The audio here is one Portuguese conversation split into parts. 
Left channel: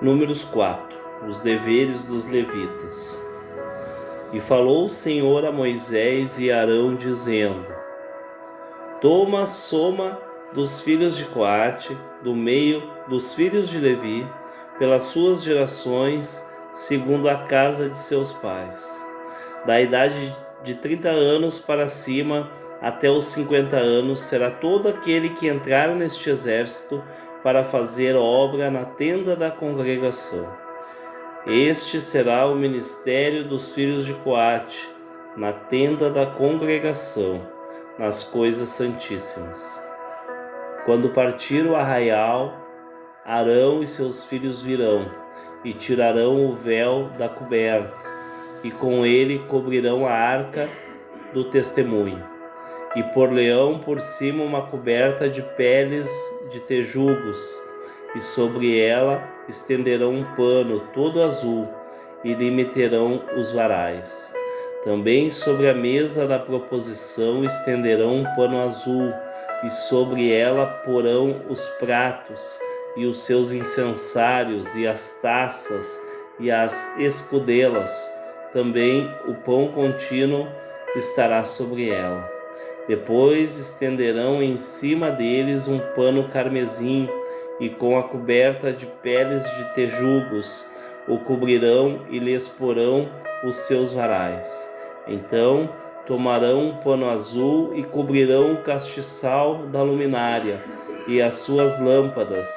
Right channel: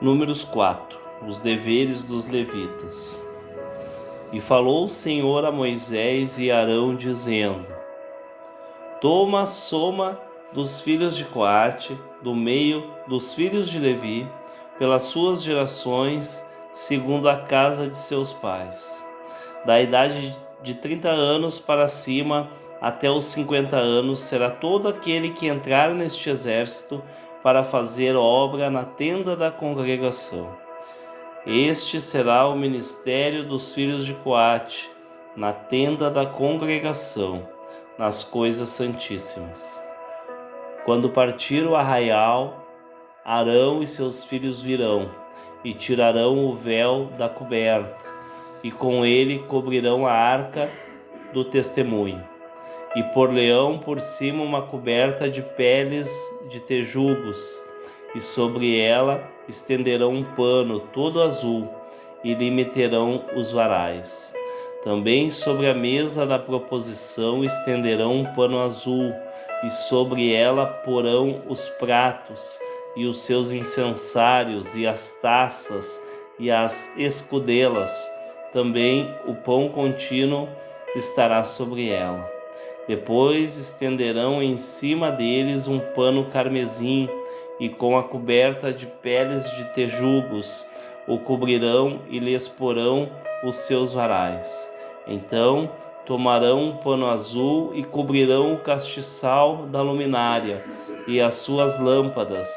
Números 4. Os deveres dos levitas. E falou o Senhor a Moisés e Arão, dizendo: Toma a soma dos filhos de Coate, do meio dos filhos de Levi, pelas suas gerações, segundo a casa de seus pais. Da idade de 30 anos para cima, até os 50 anos, será todo aquele que entrar neste exército para fazer obra na tenda da congregação. Este será o ministério dos filhos de Coate, na tenda da congregação, nas coisas santíssimas. Quando partir o arraial, Arão e seus filhos virão, e tirarão o véu da coberta, e com ele cobrirão a arca do testemunho, e por-lhe-ão por cima uma coberta de peles de tejugos, e sobre ela estenderão um pano todo azul, e lhe meterão os varais. Também sobre a mesa da proposição estenderão um pano azul, e sobre ela porão os pratos, e os seus incensários, e as taças, e as escudelas. Também o pão contínuo estará sobre ela. Depois estenderão em cima deles um pano carmesim, e com a coberta de peles de tejugos o cobrirão e lhes porão os seus varais. Então tomarão um pano azul e cobrirão o castiçal da luminária, e as suas lâmpadas,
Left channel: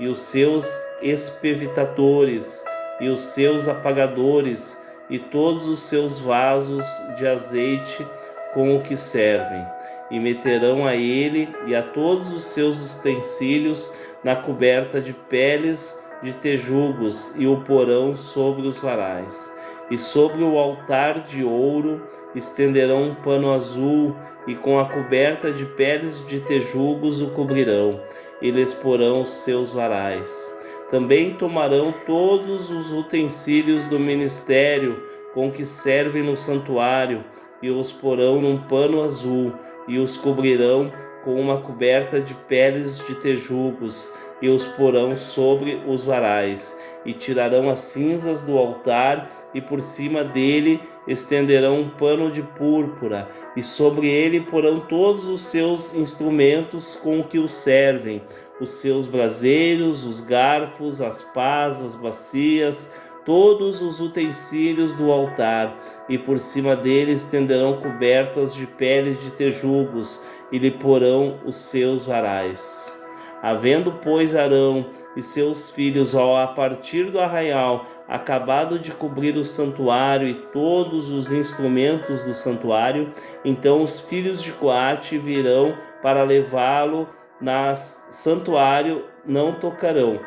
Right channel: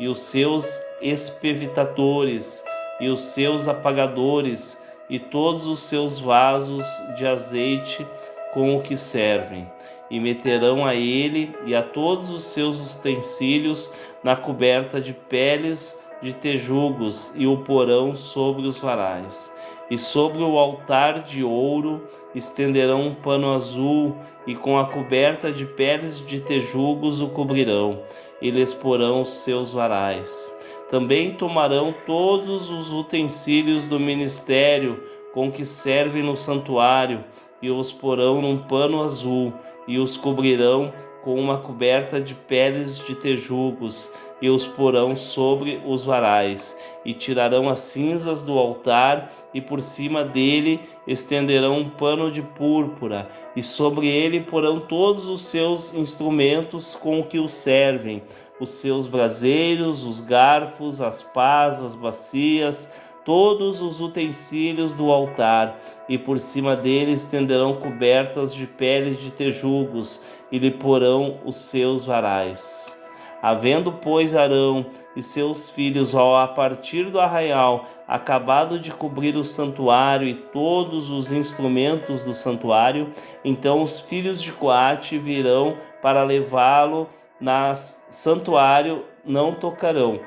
e os seus espevitadores, e os seus apagadores, e todos os seus vasos de azeite com o que servem, e meterão a ele e a todos os seus utensílios na coberta de peles de tejugos, e o porão sobre os varais. E sobre o altar de ouro estenderão um pano azul, e com a coberta de peles de tejugos o cobrirão, e lhes porão os seus varais. Também tomarão todos os utensílios do ministério com que servem no santuário, e os porão num pano azul, e os cobrirão com uma coberta de peles de tejugos, e os porão sobre os varais. E tirarão as cinzas do altar, e por cima dele estenderão um pano de púrpura, e sobre ele porão todos os seus instrumentos com o que o servem, os seus braseiros, os garfos, as pás, as bacias, todos os utensílios do altar, e por cima dele estenderão cobertas de peles de tejugos, e lhe porão os seus varais. Havendo, pois, Arão e seus filhos, a partir do arraial, acabado de cobrir o santuário e todos os instrumentos do santuário, então os filhos de Coate virão para levá-lo no santuário, não tocarão,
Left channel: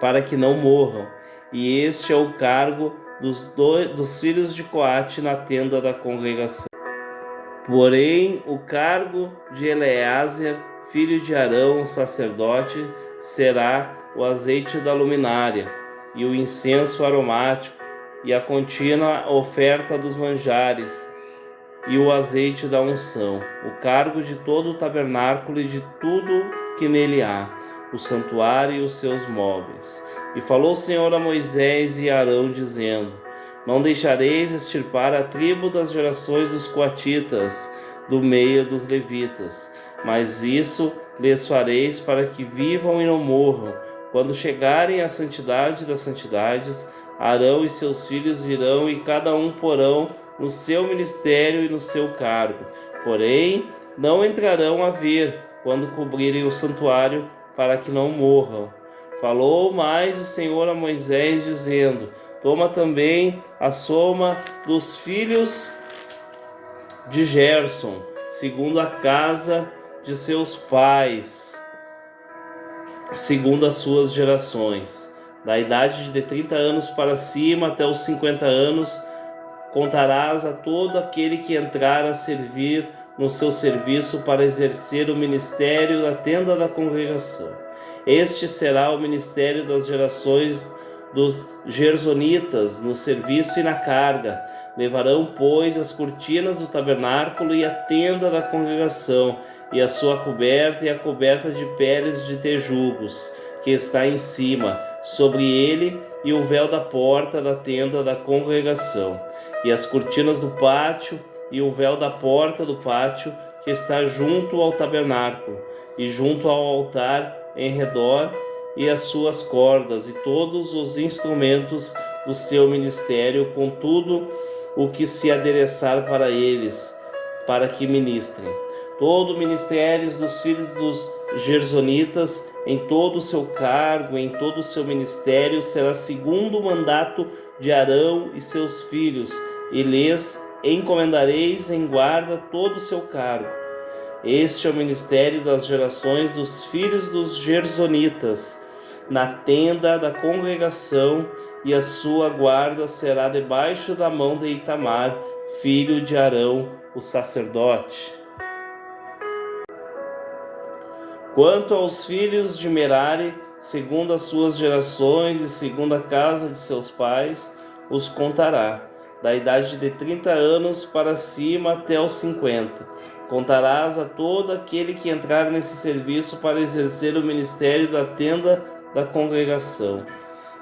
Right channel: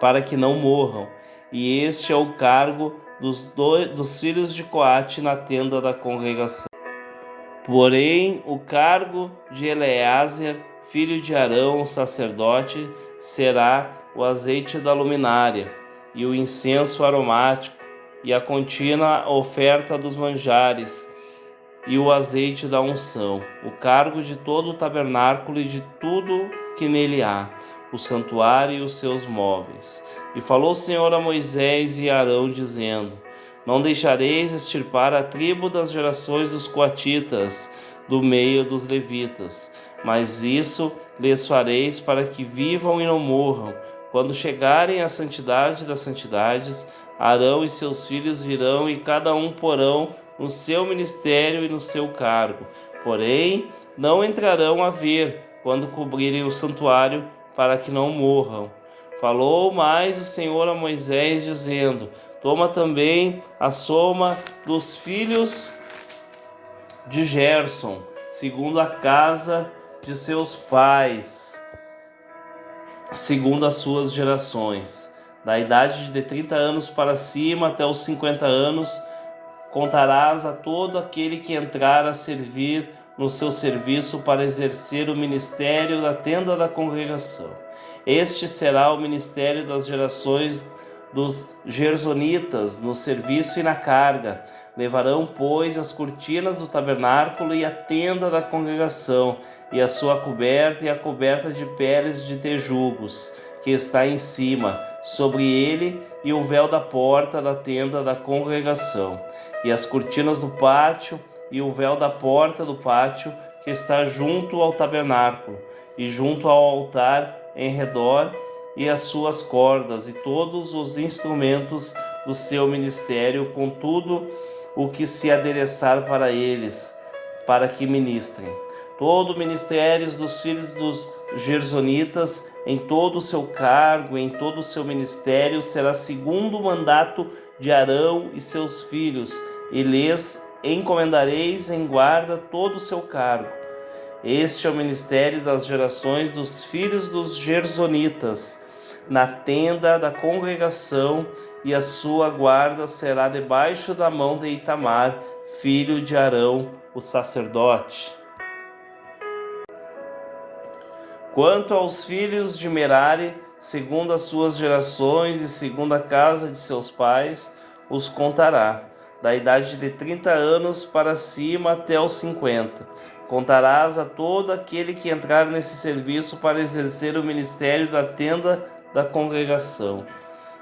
para que não morram. E este é o cargo dos filhos de Coate na tenda da congregação. Porém, o cargo de Eleazer, filho de Arão, sacerdote, será o azeite da luminária, e o incenso aromático, e a contínua oferta dos manjares, e o azeite da unção, o cargo de todo o tabernáculo e de tudo que nele há, o santuário e os seus móveis. E falou o Senhor a Moisés e a Arão, dizendo: Não deixareis extirpar a tribo das gerações dos coatitas do meio dos levitas, mas isso lhes fareis para que vivam e não morram. Quando chegarem à santidade das santidades, Arão e seus filhos virão, e cada um porão no seu ministério e no seu cargo. Porém, não entrarão a ver quando cobrirem o santuário, para que não morram. Falou mais o Senhor a Moisés, dizendo: Toma também a soma dos filhos de Gerson, segundo a casa de seus pais, segundo as suas gerações. Da idade de 30 anos para cima até os 50 anos, contarás a todo aquele que entrar a servir no seu serviço para exercer o ministério da tenda da congregação. Este será o ministério das gerações dos gersonitas no serviço e na carga. Levarão, pois, as cortinas do tabernáculo e a tenda da congregação, e a sua coberta e a coberta de peles de tejugos, que está em cima, sobre ele e o véu da porta da tenda da congregação, e as cortinas do pátio e o véu da porta do pátio que está junto ao tabernáculo e junto ao altar em redor, e as suas cordas e todos os instrumentos do seu ministério, com tudo o que se adereçar para eles, para que ministrem. Todo o ministério dos filhos dos gersonitas, em todo o seu cargo, em todo o seu ministério, será segundo o mandato de Arão e seus filhos, e lhes encomendareis em guarda todo o seu cargo. Este é o ministério das gerações dos filhos dos gersonitas, na tenda da congregação, e a sua guarda será debaixo da mão de Itamar, filho de Arão, o sacerdote. Quanto aos filhos de Merari, segundo as suas gerações e segundo a casa de seus pais, os contará, da idade de 30 anos para cima até os 50. Contarás a todo aquele que entrar nesse serviço para exercer o ministério da tenda da congregação.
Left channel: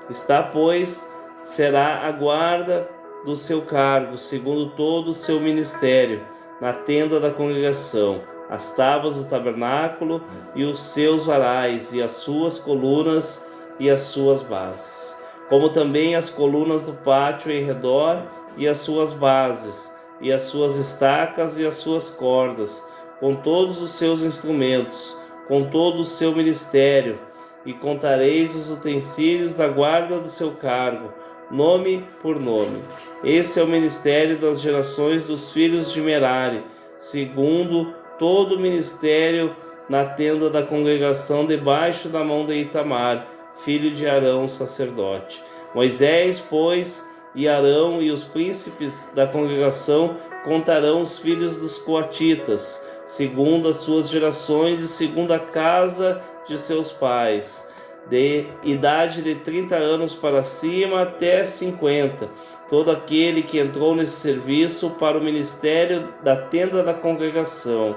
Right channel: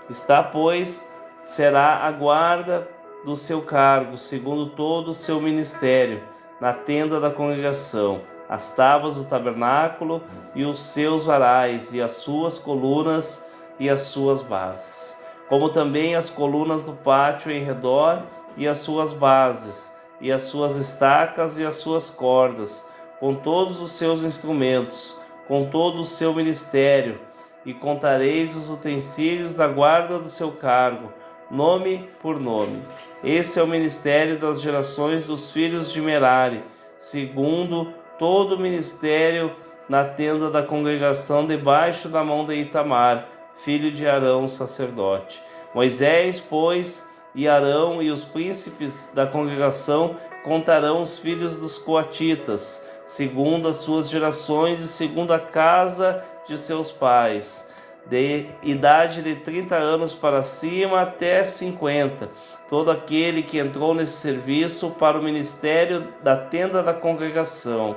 Está, pois, será a guarda do seu cargo, segundo todo o seu ministério, na tenda da congregação, as tábuas do tabernáculo e os seus varais, e as suas colunas e as suas bases, como também as colunas do pátio em redor e as suas bases, e as suas estacas e as suas cordas, com todos os seus instrumentos, com todo o seu ministério, e contareis os utensílios da guarda do seu cargo, nome por nome. Esse é o ministério das gerações dos filhos de Merari, segundo todo o ministério na tenda da congregação, debaixo da mão de Itamar, filho de Arão, sacerdote. Moisés, pois, e Arão e os príncipes da congregação contarão os filhos dos coatitas, segundo as suas gerações e segundo a casa de seus pais, de idade de 30 anos para cima até 50, todo aquele que entrou nesse serviço para o ministério da tenda da congregação.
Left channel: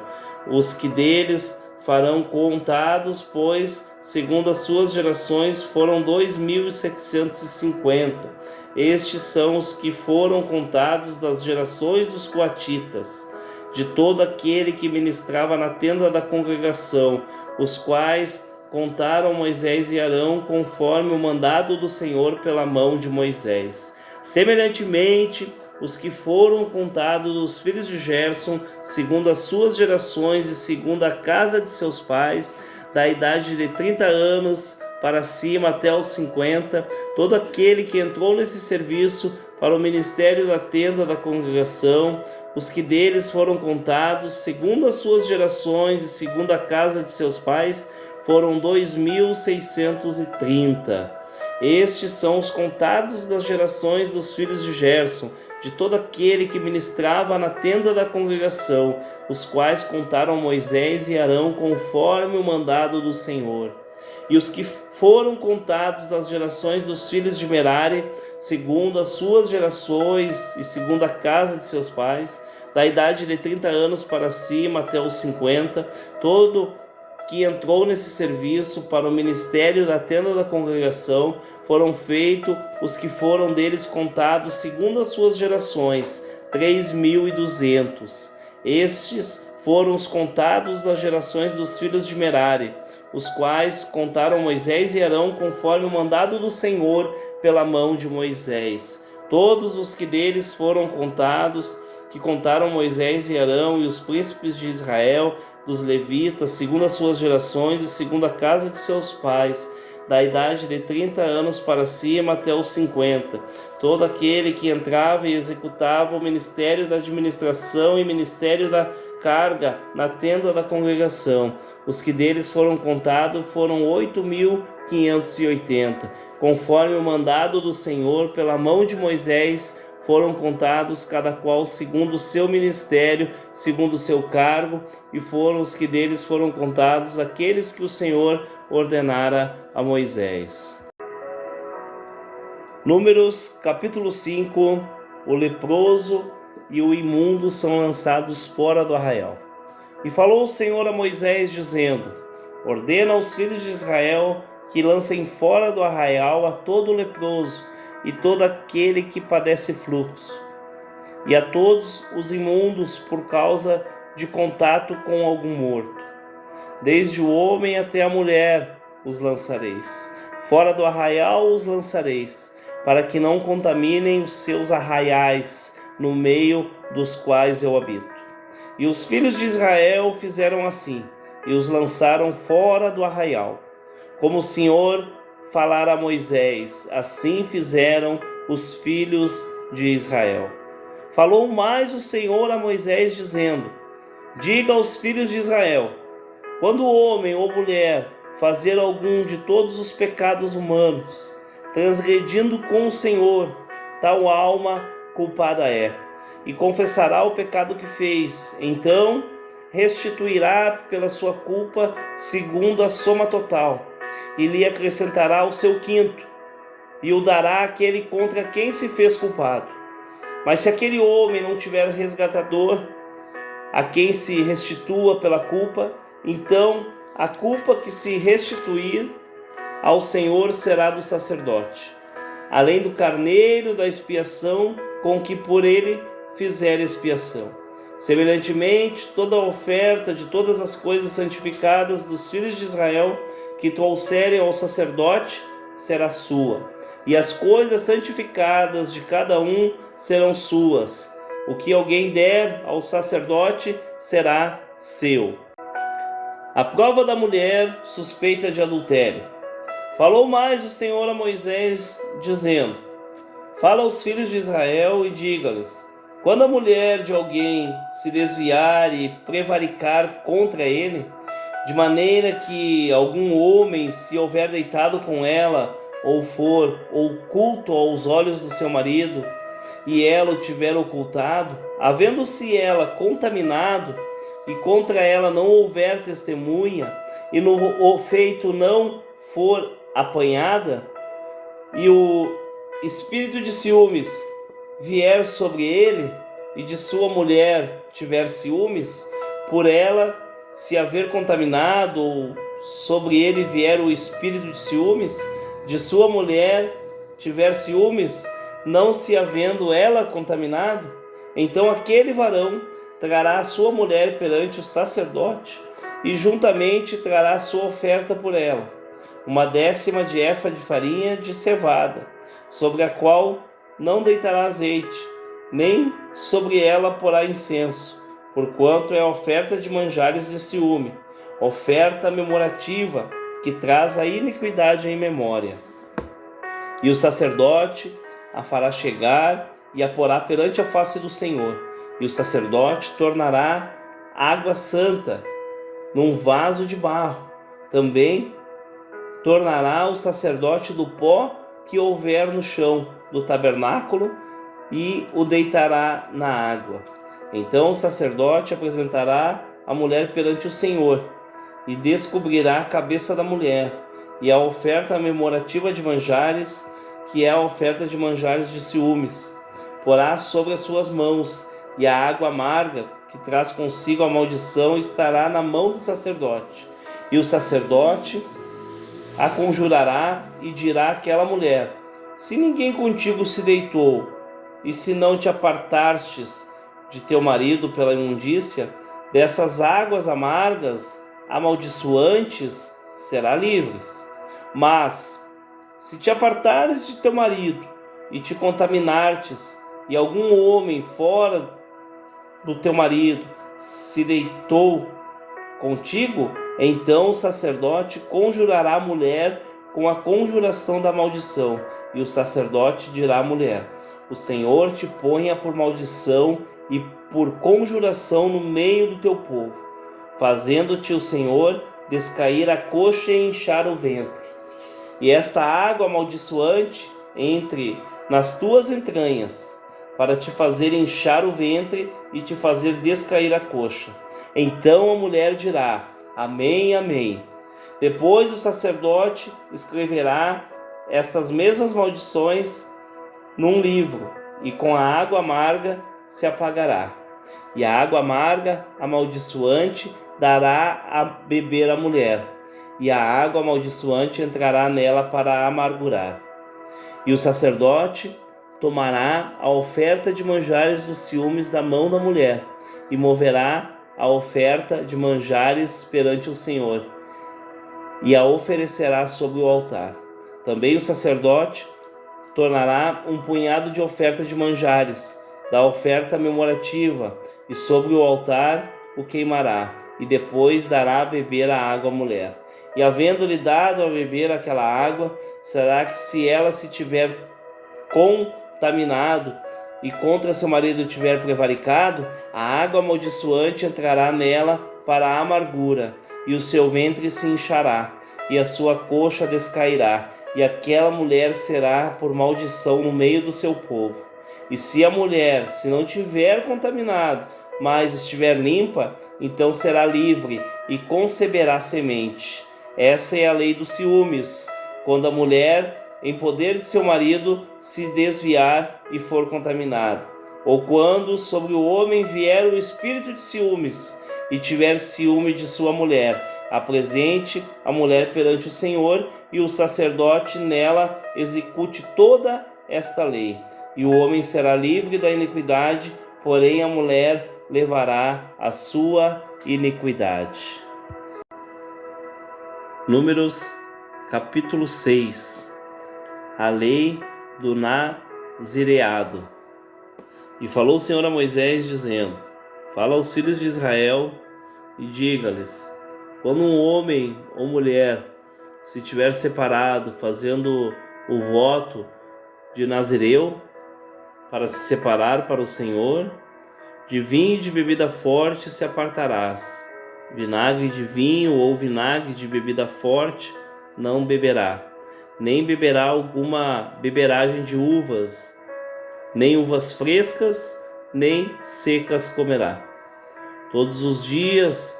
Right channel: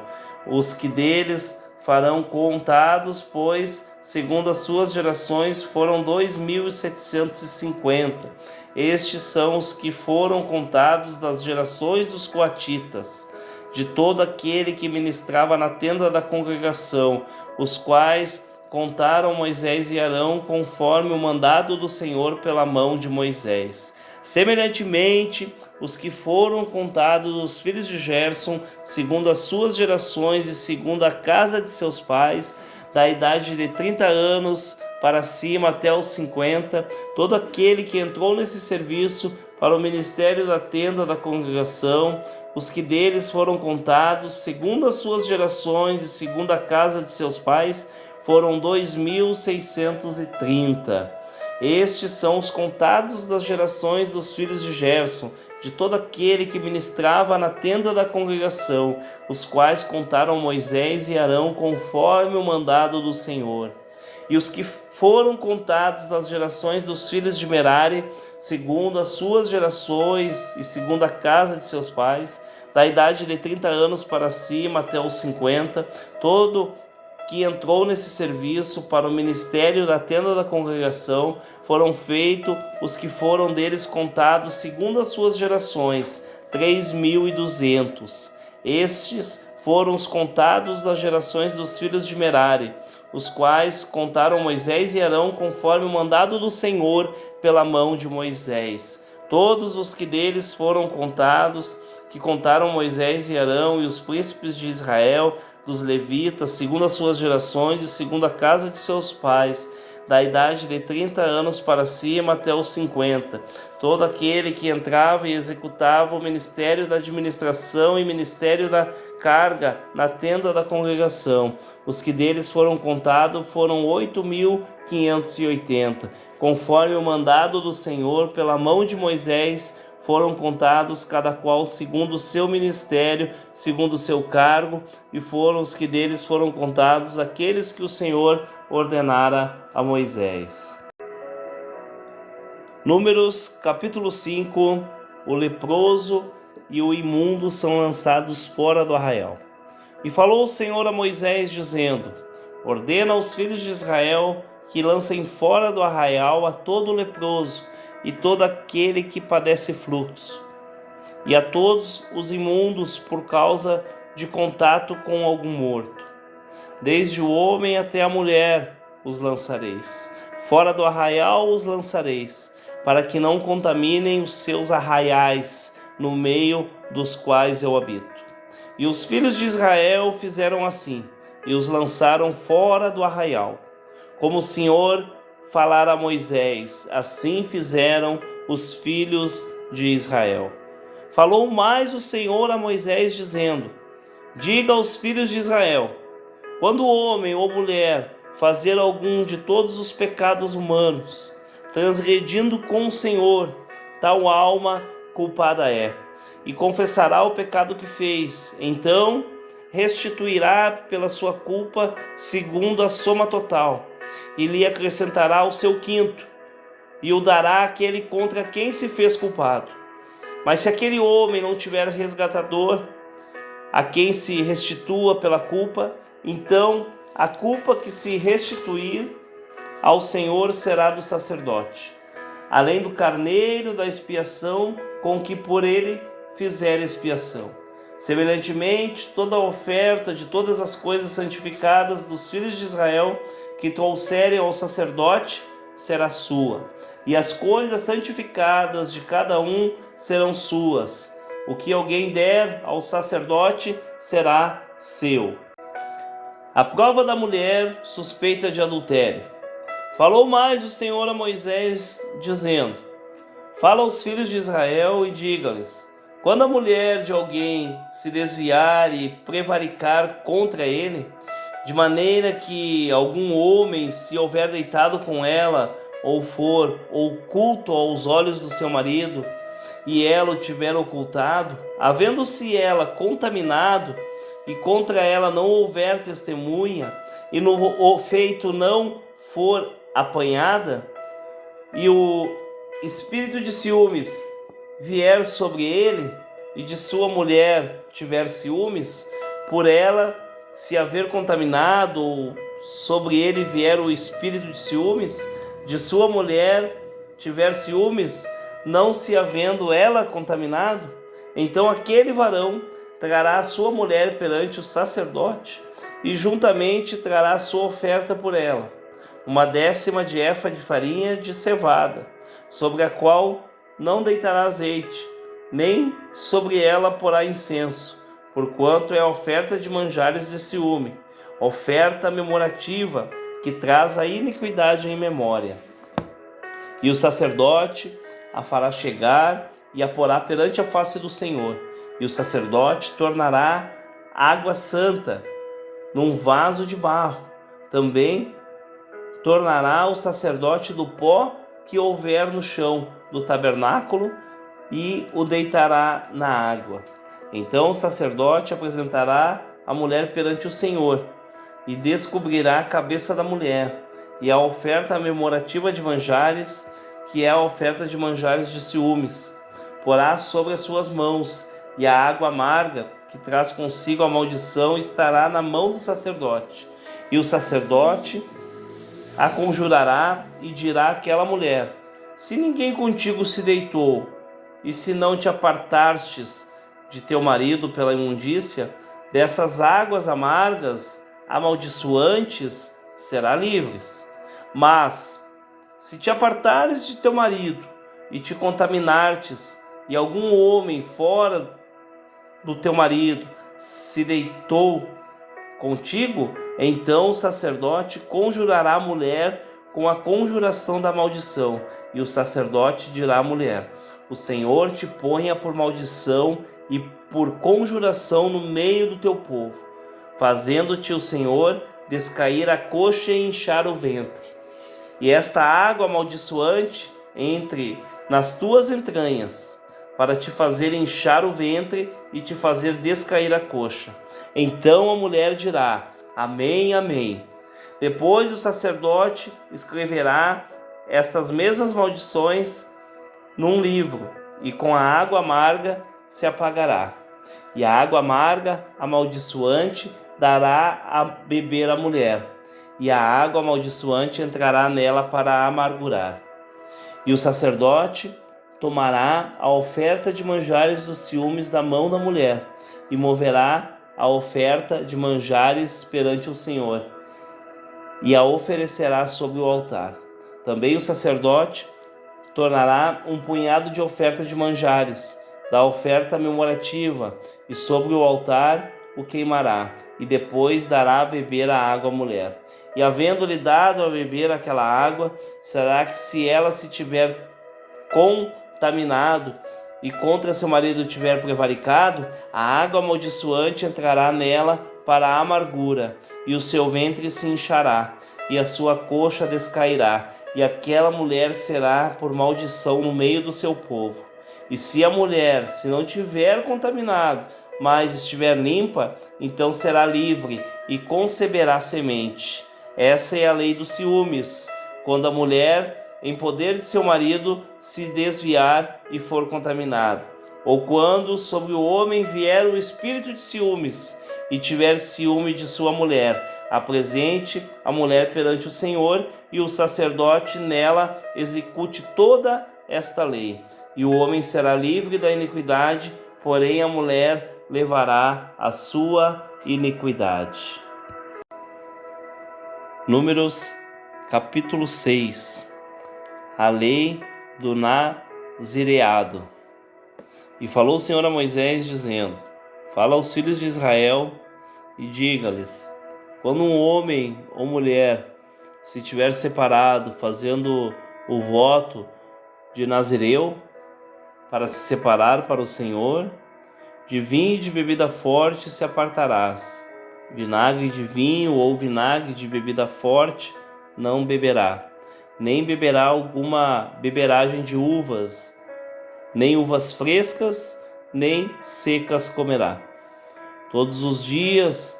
Os que deles farão contados, pois, segundo as suas gerações, foram 2.750. Estes são os que foram contados das gerações dos coatitas, de todo aquele que ministrava na tenda da congregação, os quais contaram Moisés e Arão conforme o mandado do Senhor pela mão de Moisés. Semelhantemente, os que foram contados dos filhos de Gerson, segundo as suas gerações e segundo a casa de seus pais, da idade de 30 anos para cima até os 50, todo aquele que entrou nesse serviço para o ministério da tenda da congregação, os que deles foram contados, segundo as suas gerações e segundo a casa de seus pais, foram 2.630. Estes são os contados das gerações dos filhos de Gerson, de todo aquele que ministrava na tenda da congregação, os quais contaram Moisés e Arão conforme o mandado do Senhor. E os que foram contados das gerações dos filhos de Merari, segundo as suas gerações e segundo a casa de seus pais, da idade de 30 anos para cima até os 50, todo que entrou nesse serviço para o ministério da tenda da congregação, foram feitos os que foram deles contados segundo as suas gerações, 3.200. Estes foram os contados das gerações dos filhos de Merari, os quais contaram Moisés e Arão conforme o mandado do Senhor pela mão de Moisés. Todos os que deles foram contados, que contaram Moisés e Arão e os príncipes de Israel, dos levitas, segundo as suas gerações e segundo a casa de seus pais, da idade de 30 anos para cima até os 50, todo aquele que entrava e executava o ministério da administração e ministério da carga na tenda da congregação. Os que deles foram contados foram 8.580, conforme o mandado do Senhor pela mão de Moisés. Foram contados cada qual segundo o seu ministério, segundo o seu cargo, e foram os que deles foram contados aqueles que o Senhor ordenara a Moisés. Números capítulo 5. O leproso e o imundo são lançados fora do arraial. E falou o Senhor a Moisés, dizendo: ordena aos filhos de Israel que lancem fora do arraial a todo leproso e todo aquele que padece fluxo, e a todos os imundos por causa de contato com algum morto. Desde o homem até a mulher os lançareis. Fora do arraial os lançareis, para que não contaminem os seus arraiais, no meio dos quais eu habito. E os filhos de Israel fizeram assim, e os lançaram fora do arraial. Como o Senhor falara a Moisés, assim fizeram os filhos de Israel. Falou mais o Senhor a Moisés, dizendo: diga aos filhos de Israel: quando homem ou mulher fazer algum de todos os pecados humanos, transgredindo com o Senhor, tal alma culpada é, e confessará o pecado que fez, então restituirá pela sua culpa segundo a soma total, e lhe acrescentará o seu quinto, e o dará àquele contra quem se fez culpado. Mas se aquele homem não tiver resgatador, a quem se restitua pela culpa, então a culpa que se restituir ao Senhor será do sacerdote, além do carneiro da expiação com que por ele fizer expiação. Semelhantemente, toda a oferta de todas as coisas santificadas dos filhos de Israel que trouxerem ao sacerdote será sua, e as coisas santificadas de cada um serão suas. O que alguém der ao sacerdote será seu. A prova da mulher suspeita de adultério. Falou mais o Senhor a Moisés, dizendo: fala aos filhos de Israel e diga-lhes: quando a mulher de alguém se desviar e prevaricar contra ele, de maneira que algum homem se houver deitado com ela, ou for oculto aos olhos do seu marido, e ela o tiver ocultado, havendo-se ela contaminado, e contra ela não houver testemunha, e no feito não for apanhada, e o espírito de ciúmes vier sobre ele, e de sua mulher tiver ciúmes, por ela se haver contaminado, ou sobre ele vier o espírito de ciúmes, de sua mulher tiver ciúmes, não se havendo ela contaminado, então aquele varão trará a sua mulher perante o sacerdote, e juntamente trará a sua oferta por ela, 1/10 de efa de farinha de cevada, sobre a qual não deitará azeite, nem sobre ela porá incenso, porquanto é a oferta de manjares de ciúme, oferta memorativa, que traz a iniquidade em memória. E o sacerdote a fará chegar e a porá perante a face do Senhor, e o sacerdote tornará água santa num vaso de barro. Também tornará o sacerdote do pó que houver no chão do tabernáculo e o deitará na água. Então o sacerdote apresentará a mulher perante o Senhor e descobrirá a cabeça da mulher e a oferta memorativa de manjares, que é a oferta de manjares de ciúmes, porá sobre as suas mãos, e a água amarga que traz consigo a maldição estará na mão do sacerdote. E o sacerdote a conjurará e dirá àquela mulher: se ninguém contigo se deitou, e se não te apartastes de teu marido pela imundícia, dessas águas amargas, amaldiçoantes, será livres. Mas, se te apartares de teu marido, e te contaminartes, e algum homem fora do teu marido se deitou contigo, então o sacerdote conjurará a mulher com a conjuração da maldição, e o sacerdote dirá à mulher: o Senhor te ponha por maldição e por conjuração no meio do teu povo, fazendo-te o Senhor descair a coxa e inchar o ventre. E esta água amaldiçoante entre nas tuas entranhas, para te fazer inchar o ventre e te fazer descair a coxa. Então a mulher dirá: amém, amém. Depois o sacerdote escreverá estas mesmas maldições num livro, e com a água amarga se apagará. E a água amarga, amaldiçoante, dará a beber à mulher, e a água amaldiçoante entrará nela para amargurar. E o sacerdote tomará a oferta de manjares dos ciúmes da mão da mulher, e moverá a oferta de manjares perante o Senhor, e a oferecerá sobre o altar. Também o sacerdote tornará um punhado de oferta de manjares, da oferta memorativa, e sobre o altar o queimará, e depois dará a beber a água à mulher. E havendo-lhe dado a beber aquela água, será que se ela se tiver contaminado e contra seu marido tiver prevaricado, a água amaldiçoante entrará nela para a amargura, e o seu ventre se inchará, e a sua coxa descairá, e aquela mulher será por maldição no meio do seu povo. E se a mulher, se não tiver contaminado, mas estiver limpa, então será livre e conceberá semente. Essa é a lei dos ciúmes, quando a mulher, em poder de seu marido, se desviar e for contaminada, ou quando sobre o homem vier o espírito de ciúmes e tiver ciúme de sua mulher, apresente a mulher perante o Senhor, e o sacerdote nela execute toda esta lei. E o homem será livre da iniquidade, porém a mulher levará a sua iniquidade. Números, capítulo 6. A lei do nazireado. E falou o Senhor a Moisés, dizendo: Fala aos filhos de Israel e diga-lhes: quando um homem ou mulher se tiver separado, fazendo o voto de Nazireu, para se separar para o Senhor, de vinho e de bebida forte se apartarás. Vinagre de vinho ou vinagre de bebida forte não beberá, nem beberá alguma beberagem de uvas, nem uvas frescas, nem secas comerá. Todos os dias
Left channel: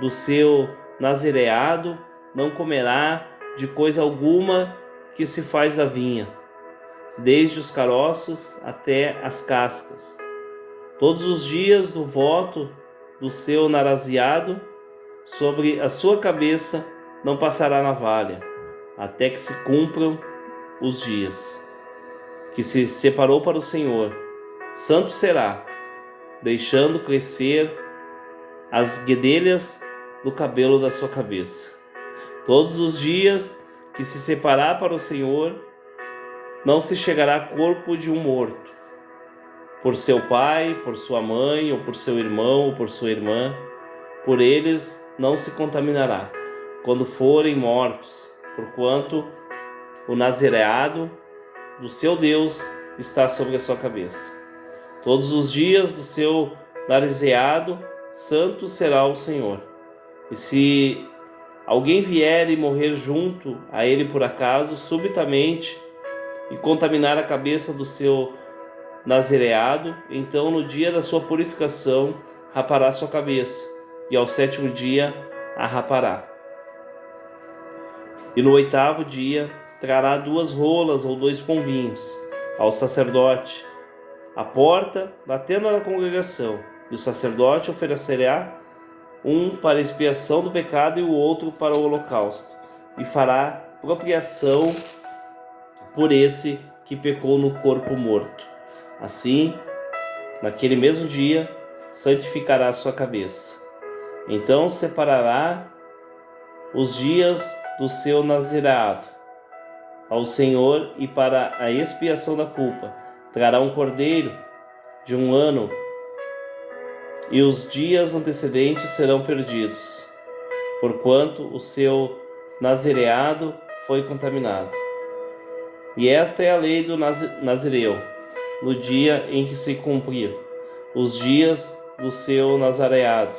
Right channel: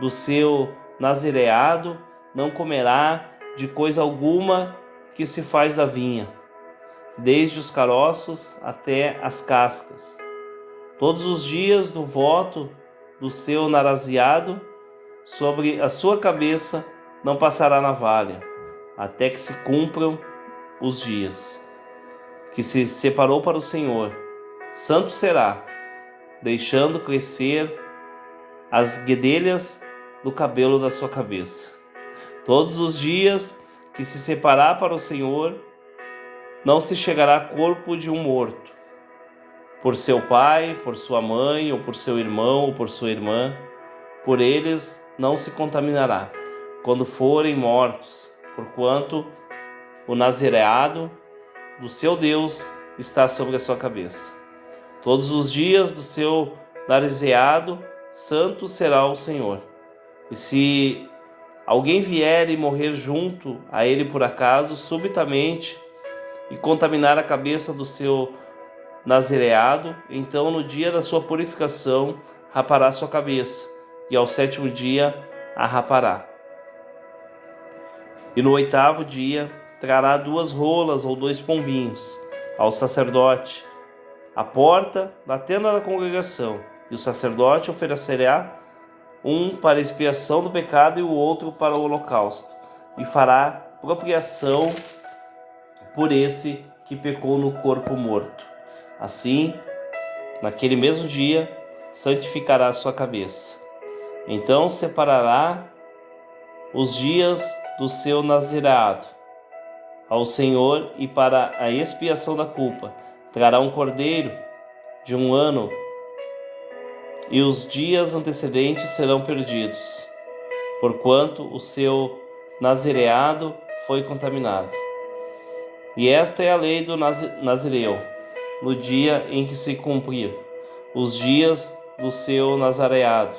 do seu nazireado não comerá de coisa alguma que se faz da vinha, desde os caroços até as cascas. Todos os dias do voto do seu nazireado, sobre a sua cabeça não passará navalha, até que se cumpram os dias que se separou para o Senhor. Santo será, deixando crescer as guedelhas do cabelo da sua cabeça. Todos os dias que se separar para o Senhor, não se chegará corpo de um morto, por seu pai, por sua mãe, ou por seu irmão, ou por sua irmã, por eles não se contaminará, quando forem mortos, porquanto o nazireado do seu Deus está sobre a sua cabeça. Todos os dias do seu nazireado, santo será o Senhor. E se alguém vier e morrer junto a ele por acaso, subitamente, e contaminar a cabeça do seu nazireado, então no dia da sua purificação rapará sua cabeça, e ao 7º dia a rapará. E no 8º dia trará 2 rolas ou 2 pombinhos ao sacerdote, à porta da tenda da congregação, e o sacerdote oferecerá um para expiação do pecado e o outro para o holocausto, e fará propriação por esse que pecou no corpo morto. Assim, naquele mesmo dia, santificará a sua cabeça. Então separará os dias do seu nazireado ao Senhor, e para a expiação da culpa trará um cordeiro de 1 ano, e os dias antecedentes serão perdidos, porquanto o seu nazireado foi contaminado. E esta é a lei do nazireu, no dia em que se cumprir os dias do seu nazareado.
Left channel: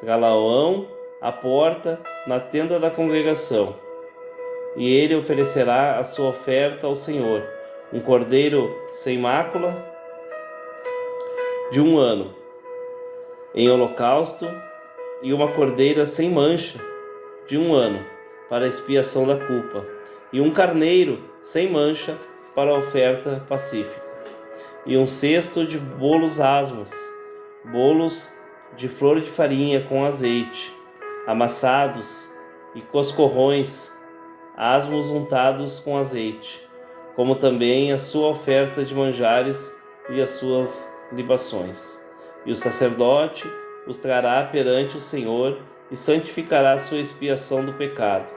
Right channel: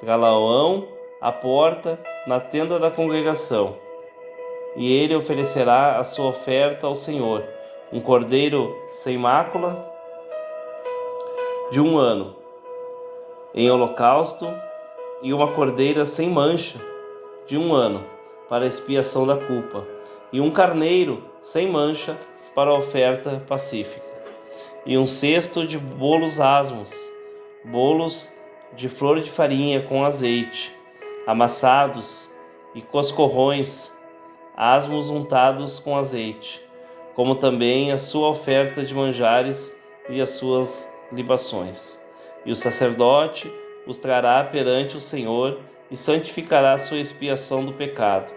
Trá-lo-ão à porta na tenda da congregação, e ele oferecerá a sua oferta ao Senhor, um cordeiro sem mácula de 1 ano, em holocausto, e uma cordeira sem mancha de 1 ano, para a expiação da culpa, e um carneiro sem mancha para a oferta pacífica, e um cesto de bolos asmos, bolos de flor de farinha com azeite, amassados e coscorrões, asmos untados com azeite, como também a sua oferta de manjares e as suas libações. E o sacerdote os trará perante o Senhor e santificará a sua expiação do pecado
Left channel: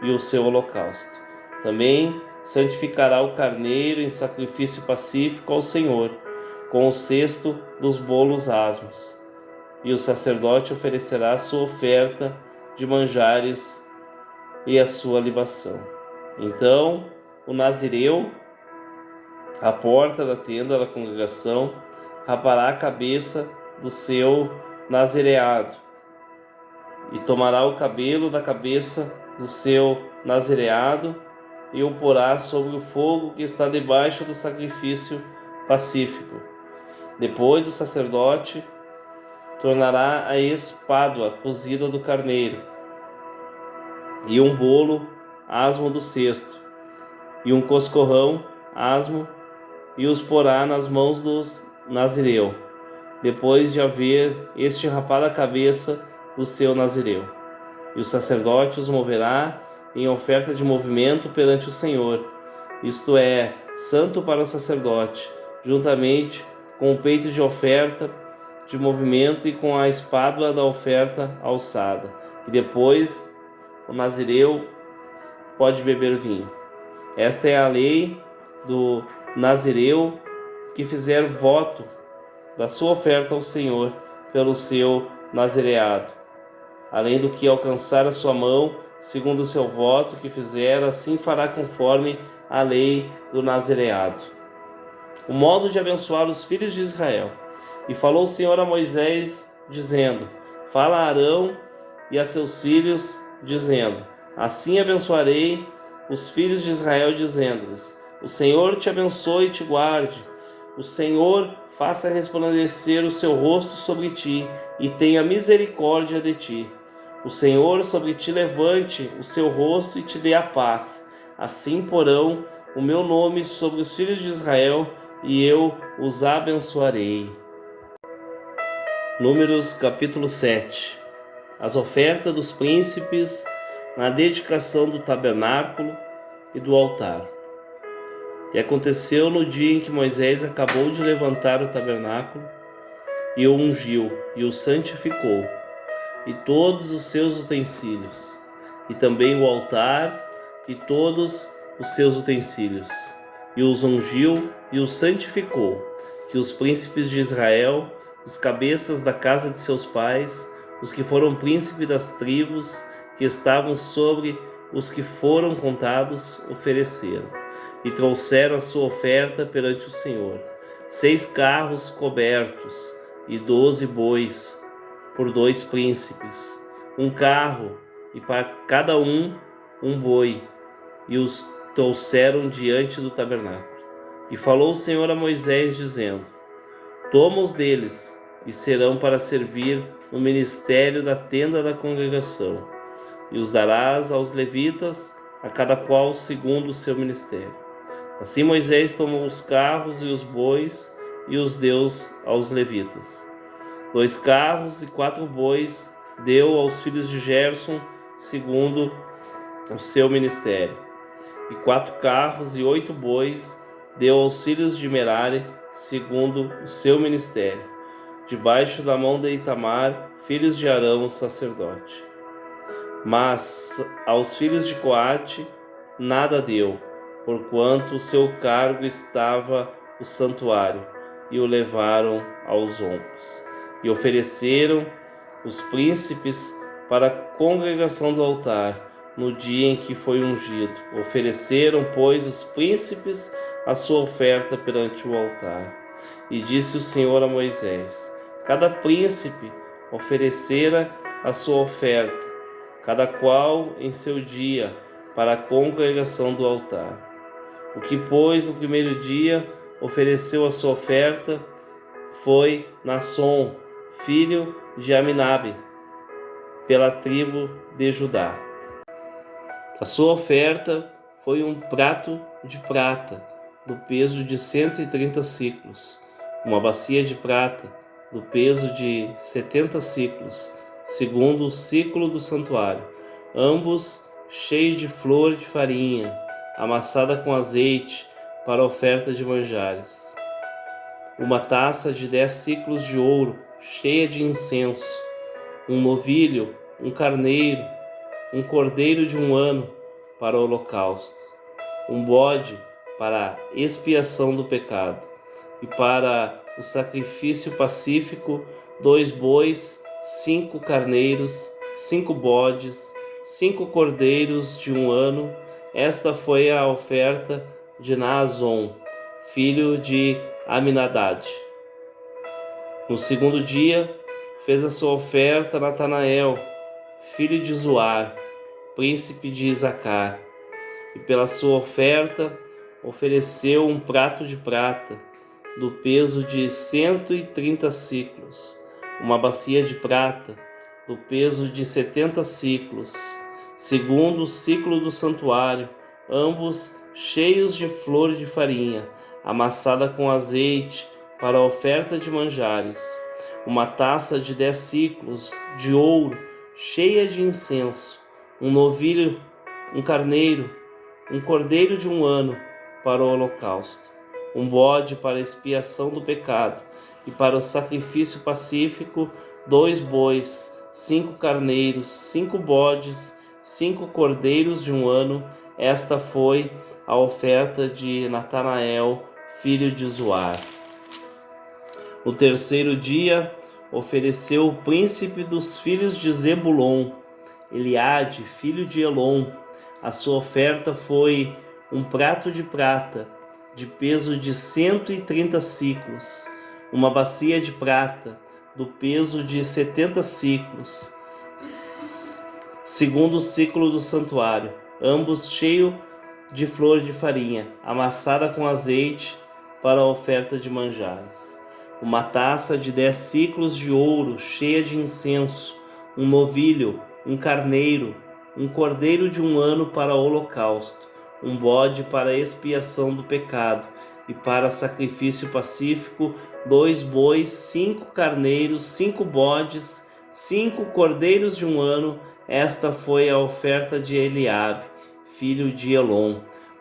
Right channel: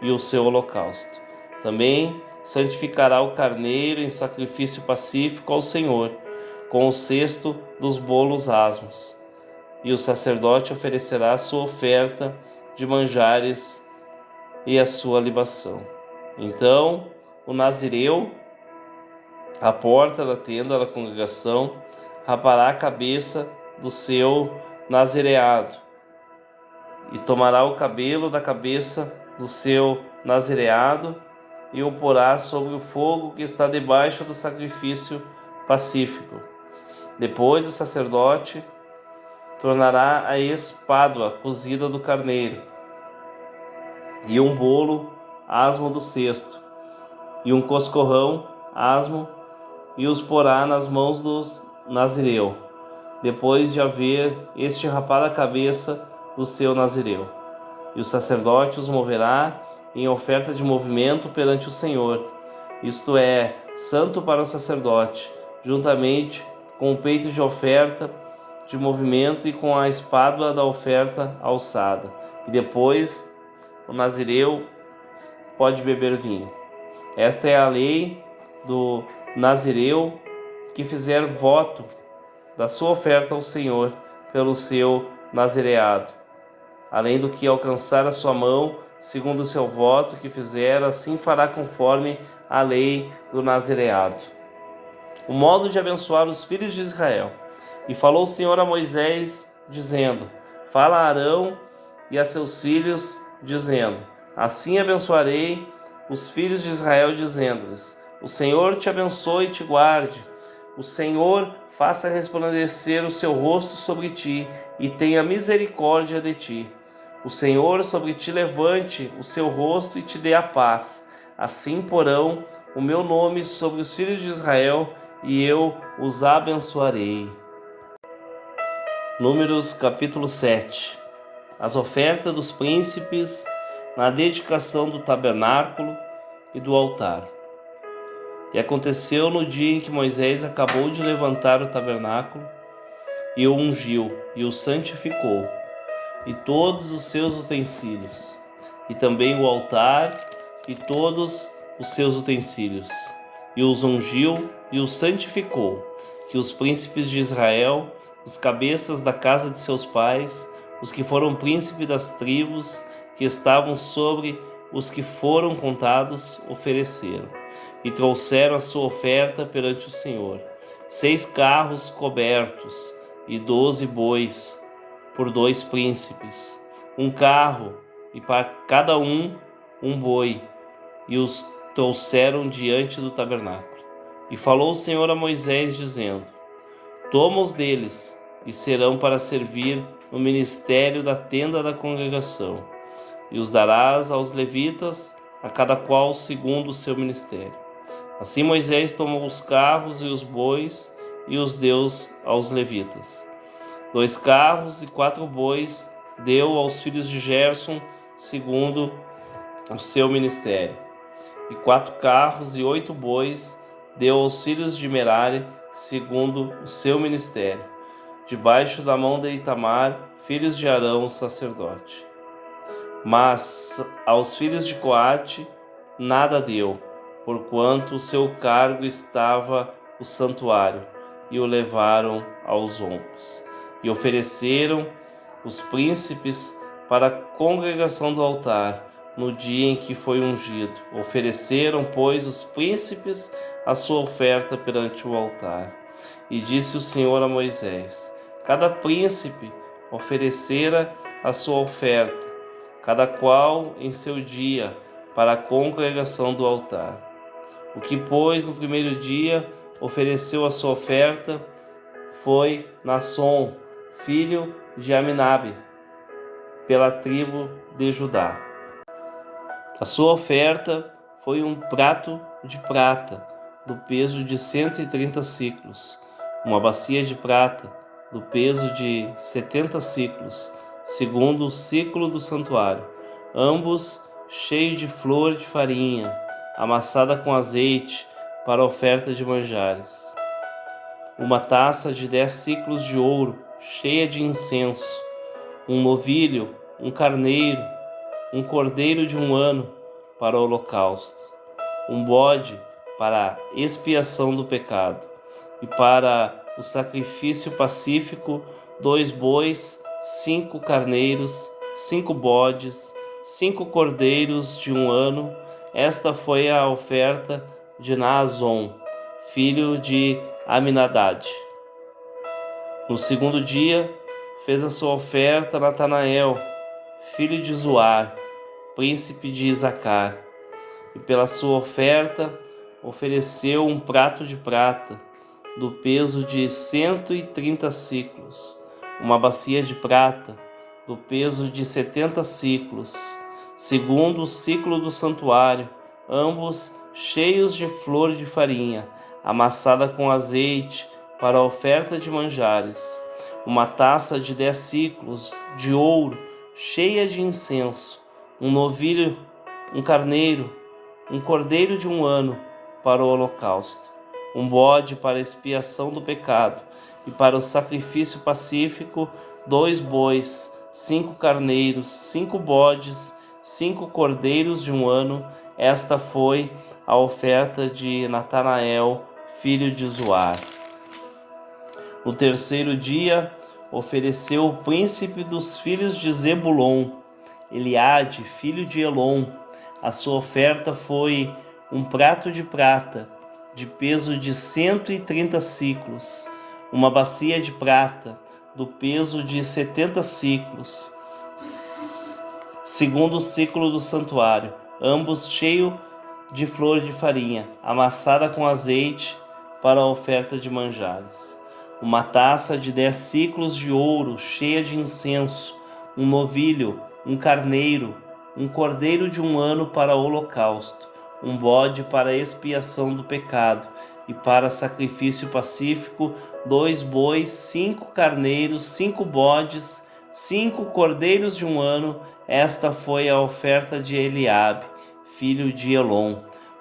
e o seu holocausto. Também santificará o carneiro em sacrifício pacífico ao Senhor, com o cesto dos bolos asmos. E o sacerdote oferecerá a sua oferta de manjares e a sua libação. Então, o nazireu, à porta da tenda da congregação, rapará a cabeça do seu nazireado e tomará o cabelo da cabeça do seu nazireado e o porá sobre o fogo que está debaixo do sacrifício pacífico. Depois o sacerdote tornará a espádua cozida do carneiro e um bolo asmo do cesto e um coscorrão asmo e os porá nas mãos dos nazireu, depois de haver este rapado a cabeça do seu nazireu. E o sacerdote os moverá em oferta de movimento perante o Senhor, isto é, santo para o sacerdote, juntamente com o peito de oferta de movimento e com a espádua da oferta alçada. E depois o nazireu pode beber vinho. Esta é a lei do nazireu que fizer voto da sua oferta ao Senhor pelo seu nazireado, além do que alcançar a sua mão, segundo o seu voto que fizer, assim fará conforme a lei do nazireado. O modo de abençoar os filhos de Israel. E falou o Senhor a Moisés, dizendo: Fala a Arão e a seus filhos, dizendo: Assim abençoarei os filhos de Israel, dizendo-lhes: O Senhor te abençoe e te guarde. O Senhor faça resplandecer o seu rosto sobre ti e tenha misericórdia de ti. O Senhor sobre ti levante o seu rosto e te dê a paz. Assim porão o meu nome sobre os filhos de Israel e eu os abençoarei. Números capítulo 7. As ofertas dos príncipes na dedicação do tabernáculo e do altar. E aconteceu no dia em que Moisés acabou de levantar o tabernáculo e o ungiu e o santificou, e todos os seus utensílios, e também o altar e todos os seus utensílios, e os ungiu e os santificou, que os príncipes de Israel, os cabeças da casa de seus pais, os que foram príncipes das tribos que estavam sobre os que foram contados, ofereceram, e trouxeram a sua oferta perante o Senhor: 6 carros cobertos e 12 bois por 2 príncipes, 1 carro e para cada um boi, e os trouxeram diante do tabernáculo. E falou o Senhor a Moisés, dizendo: Toma-os deles, e serão para servir no ministério da tenda da congregação, e os darás aos levitas, a cada qual segundo o seu ministério. Assim Moisés tomou os carros e os bois e os deu aos levitas. 2 carros e 4 bois deu aos filhos de Gerson, segundo o seu ministério. E 4 carros e 8 bois deu aos filhos de Merari, segundo o seu ministério, debaixo da mão de Itamar, filhos de Arão, sacerdote. Mas aos filhos de Coate nada deu, porquanto o seu cargo estava o santuário, e o levaram aos ombros. E ofereceram os príncipes para a congregação do altar, no dia em que foi ungido. Ofereceram, pois, os príncipes a sua oferta perante o altar. E disse o Senhor a Moisés: Cada príncipe oferecera a sua oferta, cada qual em seu dia, para a congregação do altar. O que, pois, no primeiro dia ofereceu a sua oferta foi Nasson, filho de Aminabe, pela tribo de Judá. A sua oferta foi um prato de prata, do peso de 130 siclos, uma bacia de prata, do peso de 70 siclos, segundo o ciclo do santuário, ambos cheios de flor de farinha, amassada com azeite, para oferta de manjares. Uma taça de 10 siclos de ouro, cheia de incenso, um novilho, um carneiro, um cordeiro de 1 ano, para o holocausto, um bode para a expiação do pecado, e para o sacrifício pacífico, 2 bois, 5 carneiros, 5 bodes, 5 cordeiros de 1 ano. Esta foi a oferta de Naazon, filho de Aminadade. No segundo dia, fez a sua oferta Natanael, filho de Zuar, príncipe de Isacar, e pela sua oferta ofereceu um prato de prata, do peso de 130 siclos, uma bacia de prata, do peso de 70 siclos, segundo o ciclo do santuário, ambos cheios de flor de farinha, amassada com azeite, para a oferta de manjares, uma taça de 10 siclos de ouro, cheia de incenso, um novilho, um carneiro, um cordeiro de 1 ano, para o holocausto, um bode para a expiação do pecado, e para o sacrifício pacífico, 2 bois, 5 carneiros, 5 bodes, 5 cordeiros de 1 ano. Esta foi a oferta de Natanael, filho de Zuar. No terceiro dia, ofereceu o príncipe dos filhos de Zebulon, Eliade, filho de Elon. A sua oferta foi um prato de prata, de peso de 130 siclos, uma bacia de prata, do peso de 70 siclos, segundo o ciclo do santuário, ambos cheios de flor de farinha, amassada com azeite, para a oferta de manjares. Uma taça de 10 siclos de ouro, cheia de incenso, um novilho, um carneiro, um cordeiro de 1 ano para o holocausto, um bode para a expiação do pecado, e para sacrifício pacífico, 2 bois, 5 carneiros, 5 bodes, 5 cordeiros de 1 ano. Esta foi a oferta de Eliabe, filho de Elon.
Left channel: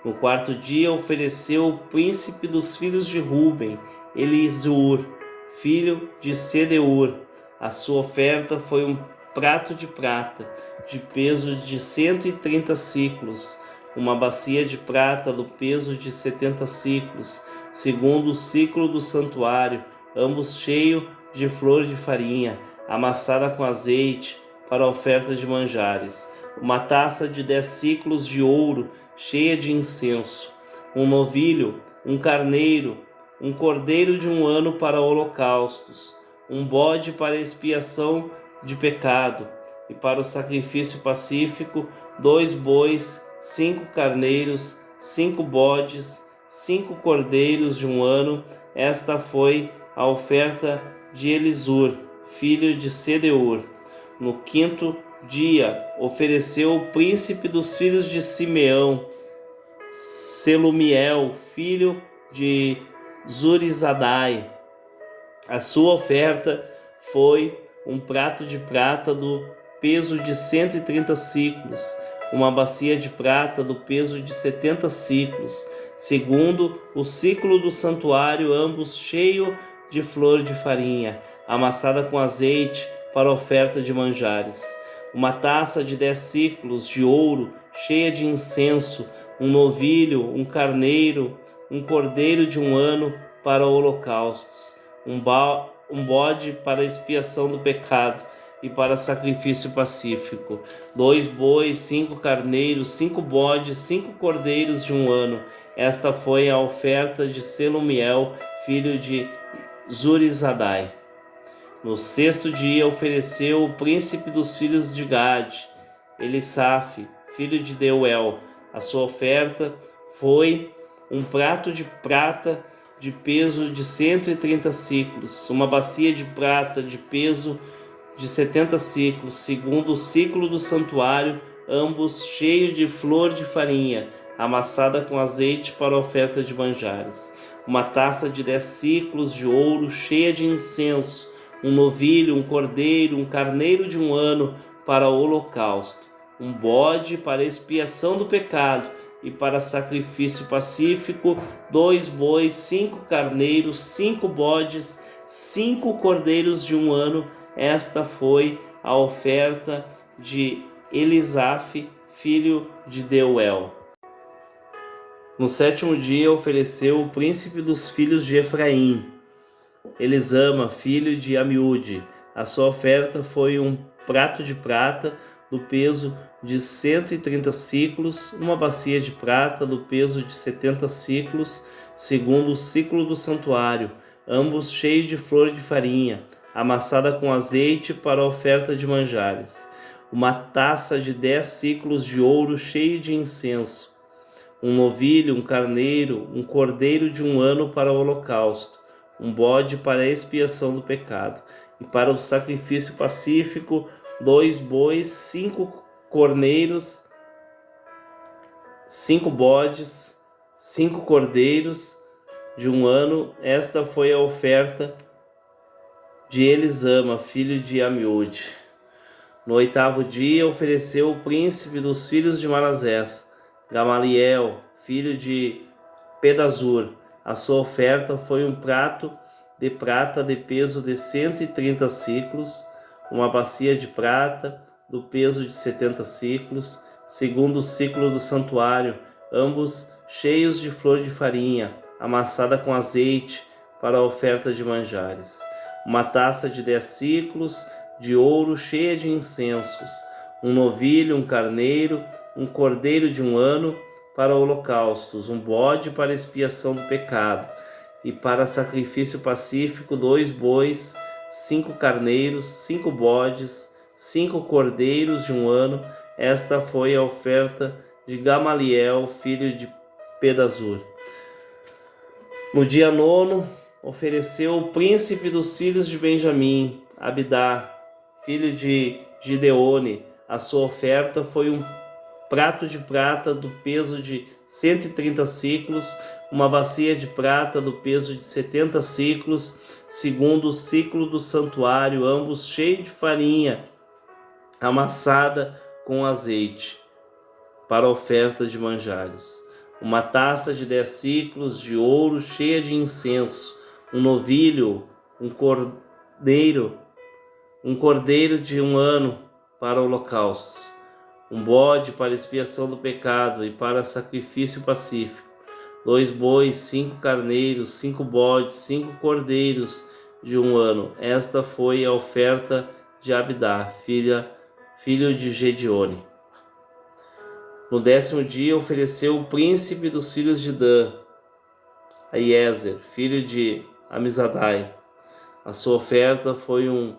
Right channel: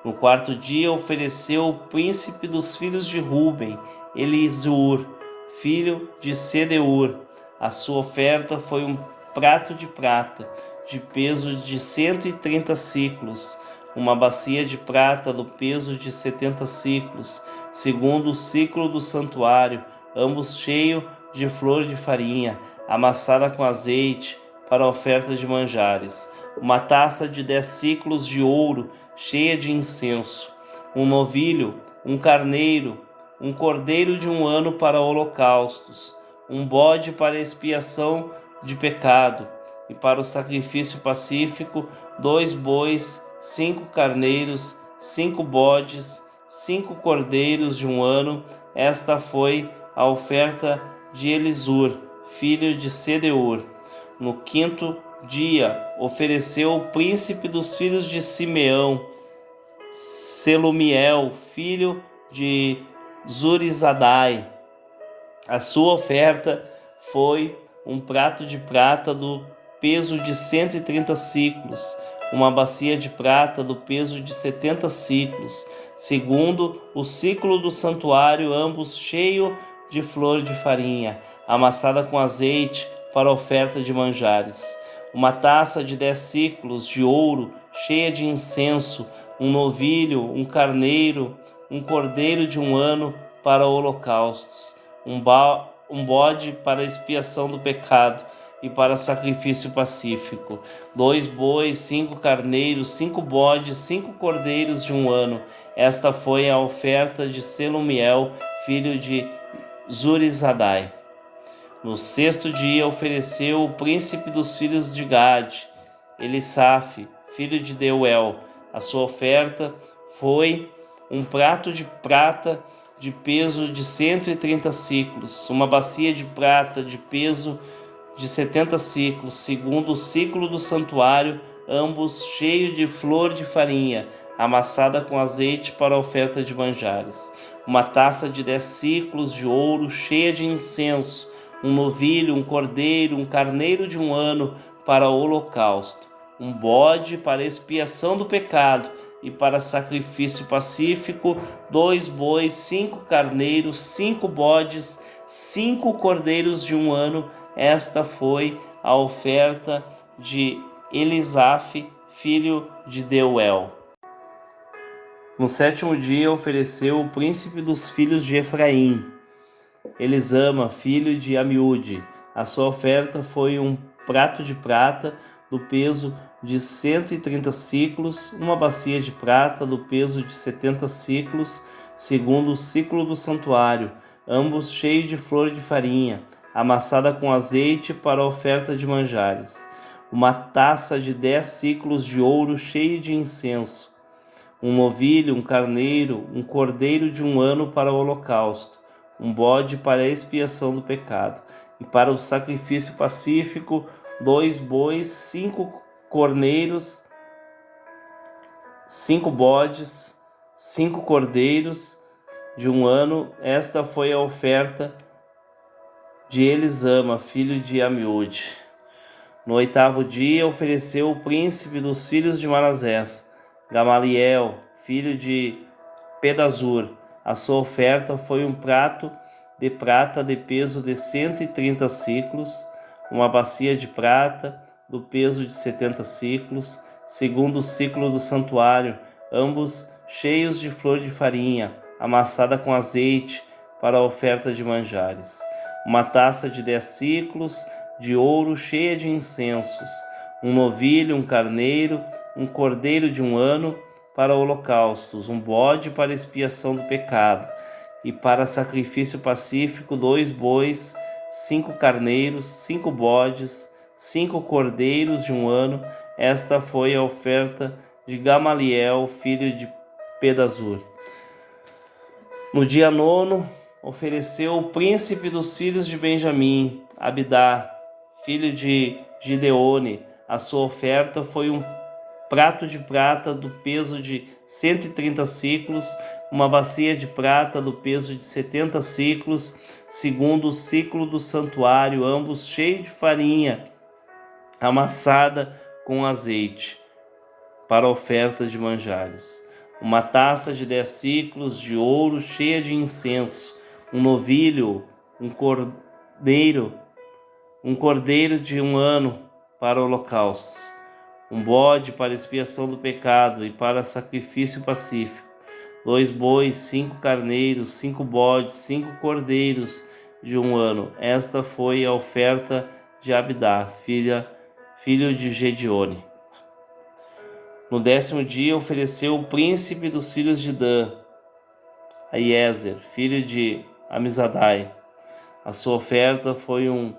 No quarto dia ofereceu o príncipe dos filhos de Ruben, Elisur, filho de Sedeur. A sua oferta foi um prato de prata, de peso de 130 siclos, uma bacia de prata do peso de 70 siclos, segundo o ciclo do santuário, ambos cheios de flor de farinha, amassada com azeite, para a oferta de manjares. Uma taça de 10 siclos de ouro, cheia de incenso, um novilho, um carneiro, um cordeiro de 1 ano para holocaustos, um bode para expiação de pecado, e para o sacrifício pacífico, 2 bois, 5 carneiros, 5 bodes, 5 cordeiros de 1 ano. Esta foi a oferta de Elisur, filho de Sedeur. No quinto dia, ofereceu o príncipe dos filhos de Simeão, Selumiel, filho de Zurizadai. A sua oferta foi um prato de prata do peso de 130 siclos, uma bacia de prata do peso de 70 siclos, segundo o ciclo do santuário, ambos cheios de flor de farinha, amassada com azeite, para oferta de manjares. Uma taça de 10 siclos de ouro, cheia de incenso, um novilho, um carneiro, um cordeiro de 1 ano para holocaustos, um bode para expiação do pecado e para sacrifício pacífico, 2 bois, 5 carneiros, 5 bodes, 5 cordeiros de 1 ano. Esta foi a oferta de Selumiel, filho de Zurizadai. No sexto dia ofereceu o príncipe dos filhos de Gade, Elisaf, filho de Deuel. A sua oferta foi um prato de prata de peso de 130 siclos, uma bacia de prata de peso de 70 siclos, segundo o ciclo do santuário, ambos cheios de flor de farinha, amassada com azeite para a oferta de manjares. Uma taça de 10 siclos de ouro, cheia de incenso, um novilho, um cordeiro, um carneiro de 1 ano para o holocausto, um bode para expiação do pecado, e para sacrifício pacífico, 2 bois, 5 carneiros, 5 bodes, 5 cordeiros de 1 ano. Esta foi a oferta de Elisaf, filho de Deuel. No 7º dia ofereceu o príncipe dos filhos de Efraim, Elisama, filho de Amiúde. A sua oferta foi um prato de prata do peso de 130 siclos, uma bacia de prata do peso de 70 siclos, segundo o ciclo do santuário, ambos cheios de flor de farinha, amassada com azeite para a oferta de manjares. Uma taça de 10 siclos de ouro cheio de incenso, um novilho, um carneiro, um cordeiro de 1 ano para o holocausto, um bode para a expiação do pecado, e para o sacrifício pacífico, 2 bois, 5 corneiros, 5 bodes, 5 cordeiros de 1 ano. Esta foi a oferta de Elisama, filho de Amiúde. No 8º dia ofereceu o príncipe dos filhos de Manassés, Gamaliel, filho de Pedazur. A sua oferta foi um prato de prata de peso de 130 siclos, uma bacia de prata do peso de 70 siclos, segundo o ciclo do santuário, ambos cheios de flor de farinha, amassada com azeite para a oferta de manjares. Uma taça de 10 siclos de ouro cheia de incensos, um novilho, um carneiro, um cordeiro de 1 ano para holocaustos, um bode para expiação do pecado, e para sacrifício pacífico, 2 bois, 5 carneiros, 5 bodes, 5 cordeiros de 1 ano. Esta foi a oferta de Gamaliel, filho de Pedazur. No dia 9º, ofereceu o príncipe dos filhos de Benjamim, Abidá, filho de Gideone. A sua oferta foi um prato de prata do peso de 130 siclos, uma bacia de prata do peso de 70 siclos, segundo o ciclo do santuário, ambos cheios de farinha, amassada com azeite, para oferta de manjares. Uma taça de 10 siclos de ouro cheia de incenso, um novilho, um cordeiro de 1 ano para holocaustos, um bode para expiação do pecado e para sacrifício pacífico, 2 bois, 5 carneiros, 5 bodes, 5 cordeiros de 1 ano. Esta foi a oferta de Abidá, filho de Gedeone. No 10º dia ofereceu o príncipe dos filhos de Dan, Aiezer, filho de Amizadai. A sua oferta foi um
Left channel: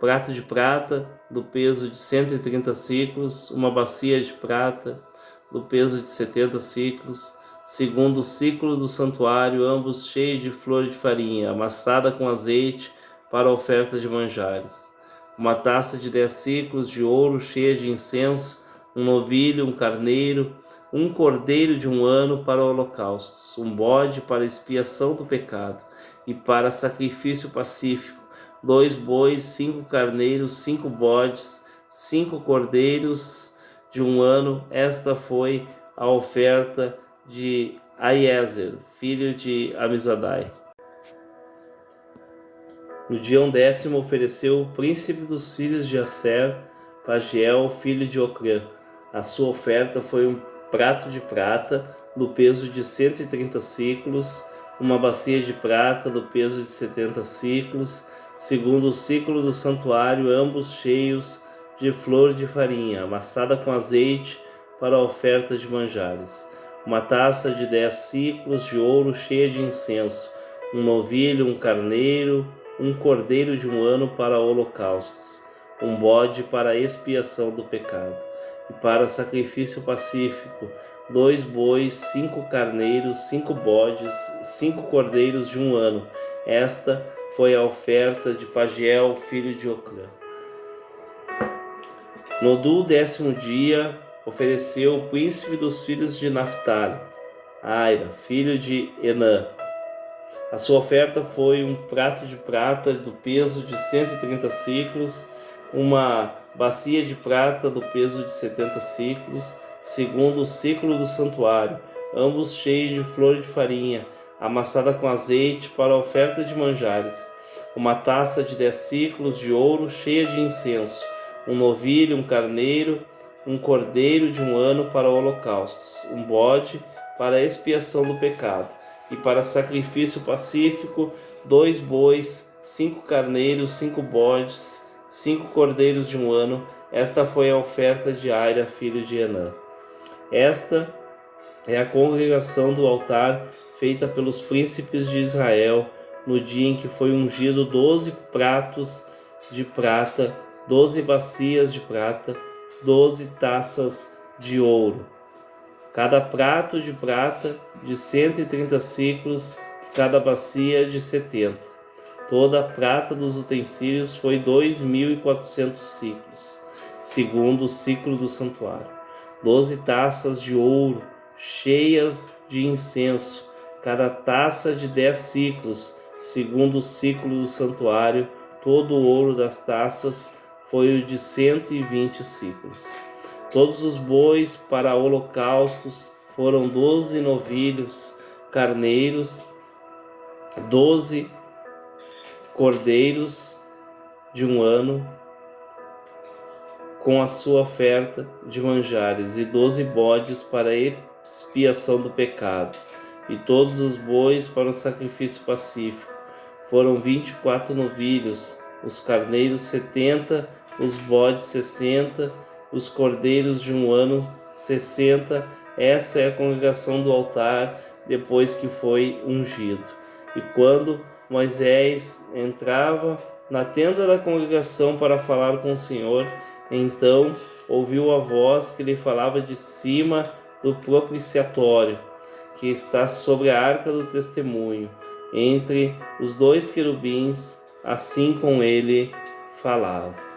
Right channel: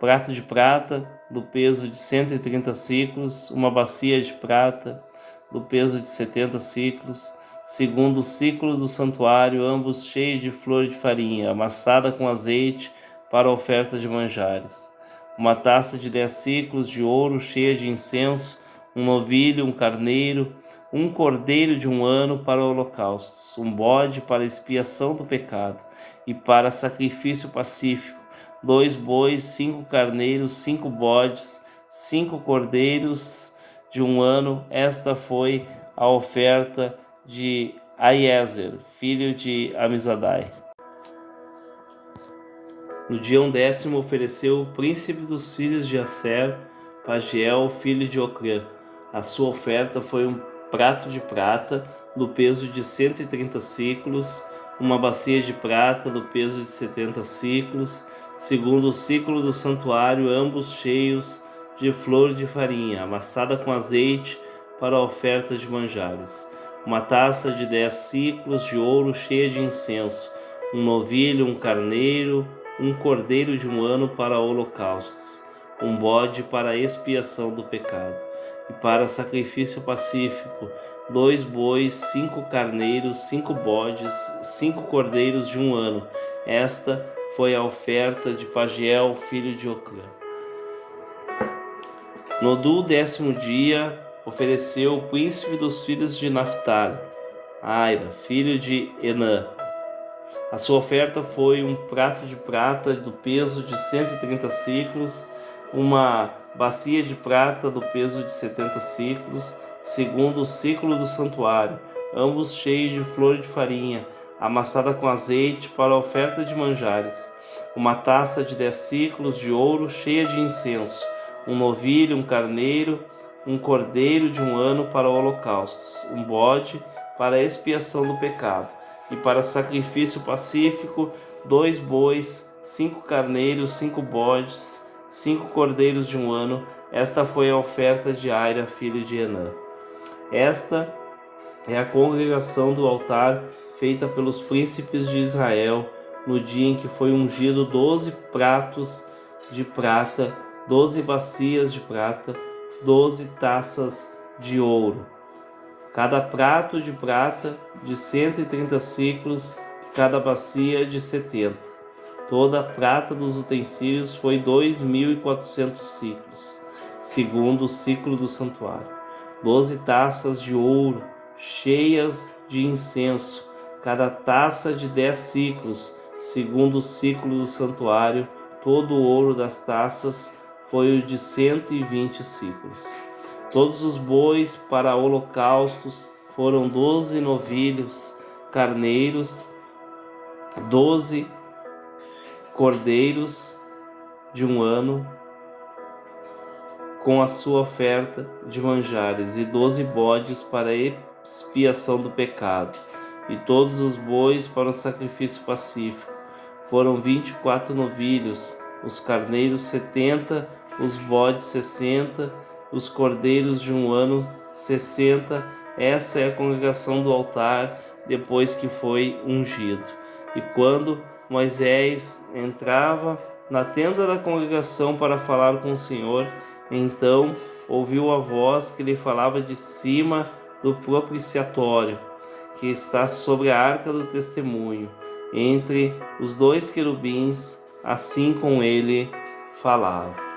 prato de prata do peso de 130 siclos, uma bacia de prata do peso de 70 siclos, segundo o ciclo do santuário, ambos cheios de flor de farinha, amassada com azeite para a oferta de manjares. Uma taça de 10 siclos de ouro cheia de incenso, um novilho, um carneiro, um cordeiro de 1 ano para holocaustos, um bode para expiação do pecado e para sacrifício pacífico, 2 bois, 5 carneiros, 5 bodes, 5 cordeiros de 1 ano. Esta foi a oferta de Aiezer, filho de Amizadai. No dia 10º ofereceu o príncipe dos filhos de Aser, Pagiel, filho de Ocrã. A sua oferta foi um prato de prata do peso de 130 siclos, uma bacia de prata do peso de 70 siclos, segundo o ciclo do santuário, ambos cheios de flor de farinha, amassada com azeite para a oferta de manjares. Uma taça de 10 siclos de ouro cheia de incenso, um novilho, um carneiro, um cordeiro de 1 ano para holocaustos, um bode para a expiação do pecado, e para sacrifício pacífico, 2 bois, 5 carneiros, 5 bodes, 5 cordeiros de 1 ano. Esta foi a oferta de Pagiel, filho de Ocrã. No 10º dia, ofereceu o príncipe dos filhos de Naphtali, Aira, filho de Enã. A sua oferta foi um prato de prata do peso de 130 siclos, uma bacia de prata do peso de 70 siclos, segundo o ciclo do santuário, ambos cheios de flor de farinha, amassada com azeite para a oferta de manjares, uma taça de 10 siclos de ouro cheia de incenso, um novilho, um carneiro, um cordeiro de 1 ano para holocaustos, um bode para a expiação do pecado, e para sacrifício pacífico, 2 bois, 5 carneiros, 5 bodes, 5 cordeiros de 1 ano. Esta foi a oferta de Aira, filho de Enã. Esta é a congregação do altar feita pelos príncipes de Israel no dia em que foi ungido 12 pratos de prata, 12 bacias de prata, 12 taças de ouro. Cada prato de prata de 130 siclos, cada bacia de 70. Toda a prata dos utensílios foi 2.400 siclos, segundo o ciclo do santuário. 12 taças de ouro, cheias de incenso, cada taça de 10 siclos, segundo o ciclo do santuário. Todo o ouro das taças foi o de 120 siclos. Todos os bois para holocaustos foram 12 novilhos carneiros, 12 cordeiros de 1 ano, com a sua oferta de manjares, e 12 bodes para a expiação do pecado, e todos os bois para o sacrifício pacífico. Foram 24 novilhos, os carneiros 70, os bodes 60, os cordeiros de 1 ano 60. Essa é a congregação do altar depois que foi ungido. E quando Moisés entrava na tenda da congregação para falar com o Senhor, então ouviu a voz que lhe falava de cima do propiciatório, que está sobre a arca do testemunho, entre os 2 querubins, assim com ele falava.